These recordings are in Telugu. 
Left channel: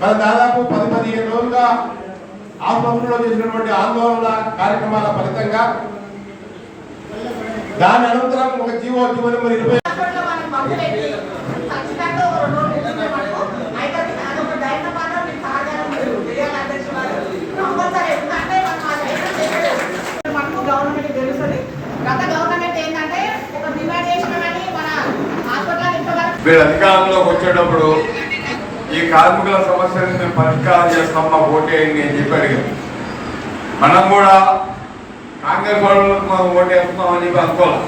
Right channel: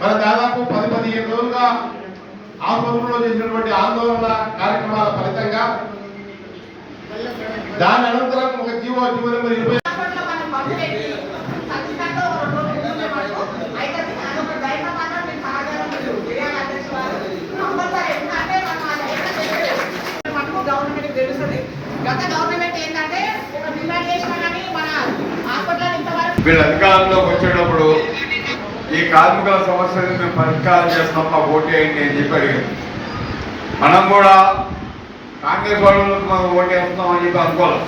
మరి దాదాపు పది పదిహేను రోజులుగా ఆసుపత్రిలో చేసినటువంటి ఆందోళన కార్యక్రమాల ఫలితంగా దాని అనంతరం ఒక జీవో జీవో నెంబర్ ఇరవై మీరు అధికారంలోకి వచ్చేటప్పుడు ఈ కార్మికుల సమస్యలను మేము పరిష్కారం చేస్తాం మా ఓటేయండి అని చెప్పి అడిగారు. మనం కూడా కాంగ్రెస్ వాళ్ళకు మనం ఓటేస్తున్నాం అని చెప్పి అనుకోవాలి?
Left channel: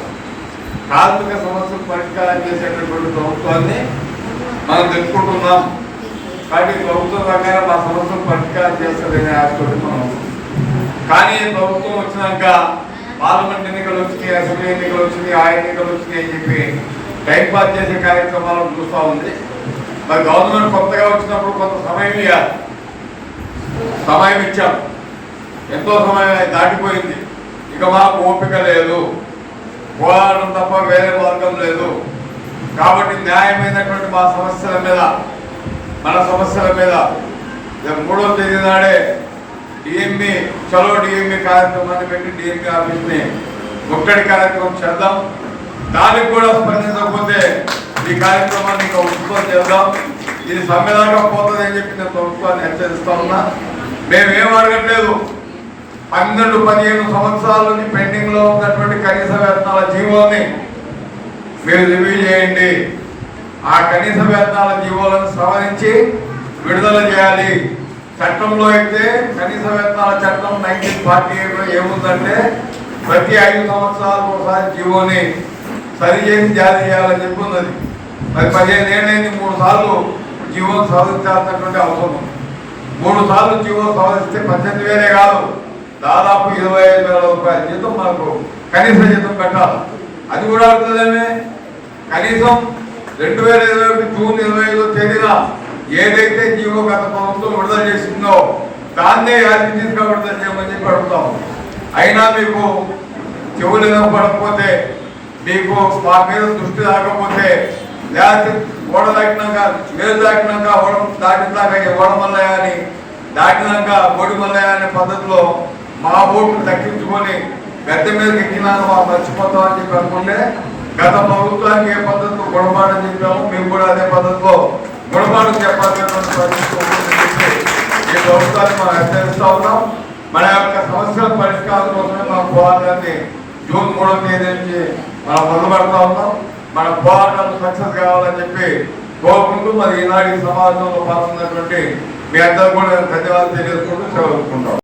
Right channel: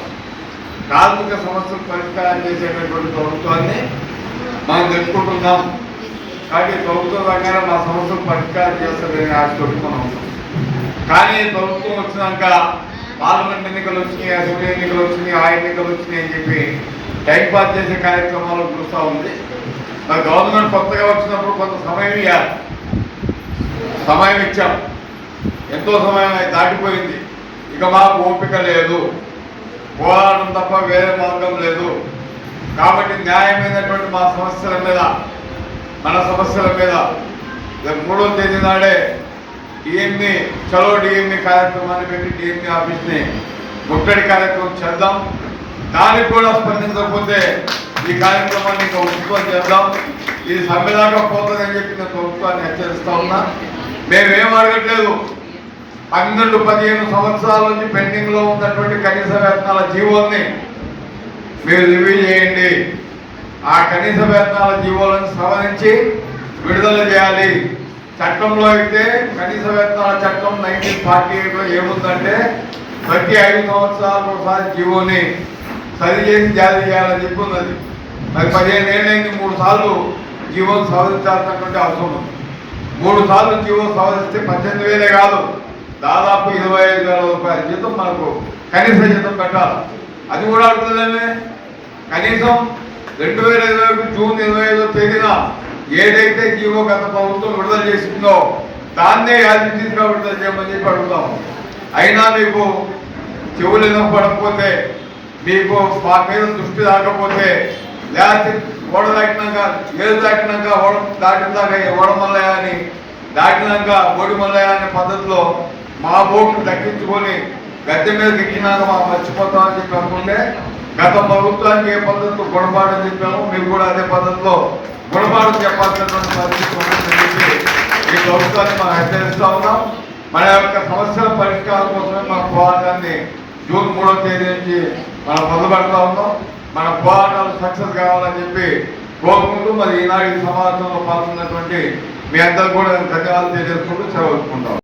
కార్మిక సమస్యలు పరిష్కారం చేసేటటువంటి ప్రభుత్వాన్ని మనం తెలుసుకుంటున్నాం కాబట్టి ప్రభుత్వం ప్రకారం మా సమస్యలు పరిష్కారం చేస్తుందని ఆశపడుతున్నాం కానీ ప్రభుత్వం వచ్చినాక పార్లమెంట్ ఎన్నికలు వచ్చినాయి అసెంబ్లీ ఎన్నికలు వచ్చినాయి ఆ ఎన్నికలు వచ్చినాయి అని చెప్పి టైం పాస్ చేసే కార్యక్రమాలు చూస్తూ ఉంది. మరి గవర్నమెంట్ కొత్తగా వచ్చినప్పుడు కొంత సమయం ఇవ్వాలి సమయం ఇచ్చాం. ఎంతో సమయం దాటిపోయింది. ఇక మాకు ఓపిక లేదు. పోరాటం తప్ప వేరే మార్గం లేదు. కాబట్టి న్యాయమైనటువంటి మా సమస్యల మీద మన సమస్యల మీద మూడో తేదీ నాడే డిఎంఈ చలో డిఎంఈ కార్యక్రమాన్ని పెట్టి డిఎంఈ ఆఫీస్ని ముట్టడి కార్యక్రమం చేద్దాం. దానికి కూడా స్పందించకపోతే ఈ కార్యక్రమాన్ని ఇంకా ఉత్పత్తి చేద్దాం. ఇది సమ్మెదాకా పోతుందని చెప్పి నేను ప్రభుత్వాన్ని హెచ్చరిస్తా ఉన్నా. మేమేం అడగట్లేదు. పన్నెండు పదిహేను సంవత్సరాల నుంచి పెండింగ్లో ఉన్నటువంటి కనీస వేతనాల జీవోని మీరు రివ్యూ చేయండి. ఆ కనీస వేతనాల జీవోలను సవరించి విడుదల చేయాలి. చట్టంలో అయితే కనీస వేతనాల చట్టం నైన్టీన్ ఫార్టీ ఎయిట్లో ఏముందంటే ప్రతి ఐదు సంవత్సరాలకు ఒకసారి జీవోని సరి చేసి జారీ చేయాలని చెప్పి ఉన్నది. మరి పదిహేను ఏళ్ళైంది మూడు సార్లు జీవో సవరించాల్సినటువంటి అవసరం ఉంది. మూడు సార్లు జీవో సవరిస్తే పద్దెనిమిది వేలే కాదు దాదాపు ఇరవై ఐదు వేల రూపాయల జీతం మనకు కనీస జీతం పెట్టాలి అది కూడా అడుగుతుందేమే కనీసం రెండు వేల ఇరవై ఒకటి జూన్ ఇరవై ఐదో తేదీన ఏదైతే జీవో గత ప్రభుత్వం విడుదల చేసిందో దాన్నే యాదృచ్ఛికంగా విడుదల చేయమని చెప్పి అడుగుతాం. అయినా మీకు చెవులు వినపడకపోతే మీకు మా మీద దృష్టి రాకపోతే లేకపోతే ఓడ దాటినాక వేలు దాటినాక ఓడ దాటినాక ఓడమల్లయ్య అని దాటినాక ఓడిమల్లయ్య అనే పద్ధతిలో మా ఓట్లు దక్కించుకొని గద్దె మీద ఎక్కినాక మా మర్చిపోతామని చెప్పి అనుకుంటే గత ప్రభుత్వానికి ఏ పద్ధతిలో గుణపాఠం చెప్పామో మేము కూడా అదే పద్ధతిలో గుణపాఠం చెప్పాల్సినటువంటి ఈ ప్రభుత్వాన్ని మనం హెచ్చరిస్తా ఉన్నాం. మన యొక్క సమస్యల పరిష్కారం కోసమే మన పోరాటాన్ని జూన్ మూడవ తేదీ నుంచి మనం మొదలుపెడతా ఉన్నాం. మన పోరాటం సక్సెస్ కావాలని చెప్పి కోరుకుంటూ మరి ఈనాడు ఈ సమాజంలో పాల్గొన్నటువంటి మీ అందరూ కూడా ధన్యవాదాలు తెలియజేసుకుంటూ సెలవుకుంటాం